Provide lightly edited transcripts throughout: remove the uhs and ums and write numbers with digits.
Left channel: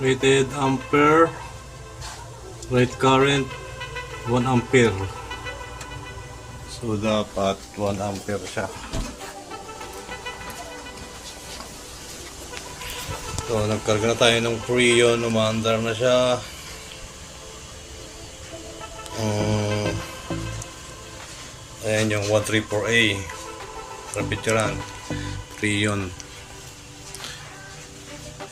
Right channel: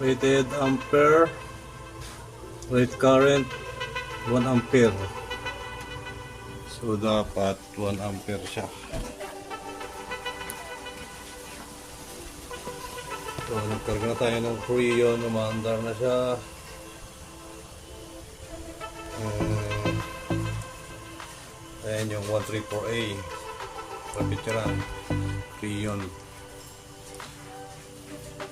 Rated ampere, rate current 1 ampere. So dapat 1 ampere siya. So nagkarga na tayo ng Freon, umaandar na siya. Ayan yung 134A sa picturean, Freon.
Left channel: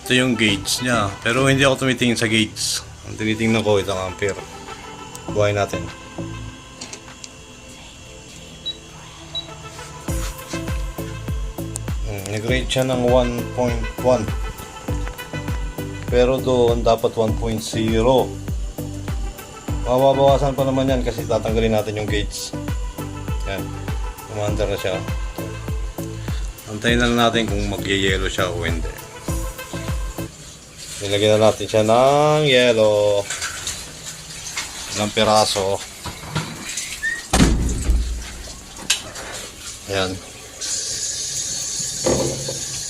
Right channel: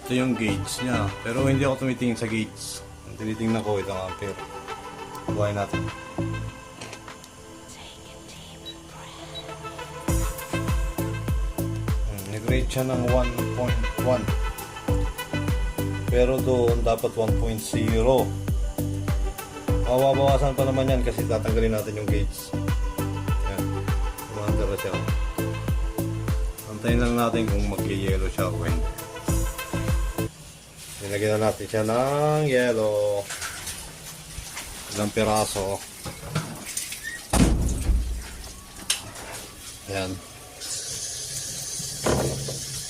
Ito yung gauge niya, pero hindi ako tumitingin sa gauge. Ang tinitingnan ko itong ampere. Buhay natin. Nag-rate siya ng 1.1, pero doon dapat 1.0. Mababawasan pa naman yan kasi tatanggalin natin yung gauge. Ayan, umaandar na siya. Antayin lang natin kung mag-yellow siya o hindi. Nilagyan na natin siya ng yellow, ng piraso. Ayan.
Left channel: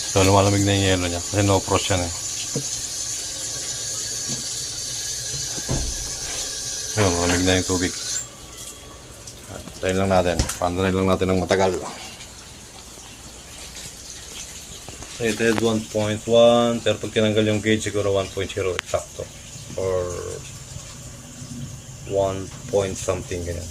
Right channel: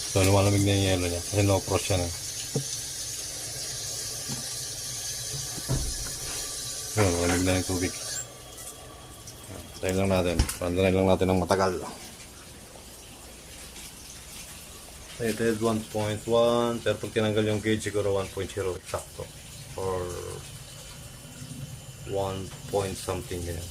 So lumalamig na yung yellow niya kasi no frost yan eh. Ayan, lumalamig na yung tubig. Tayin lang natin, pandarin lang natin ng matagal. Rated 1.1, pero pag tinanggal yung gauge siguro 1.0 exacto or 1 point something ganyan.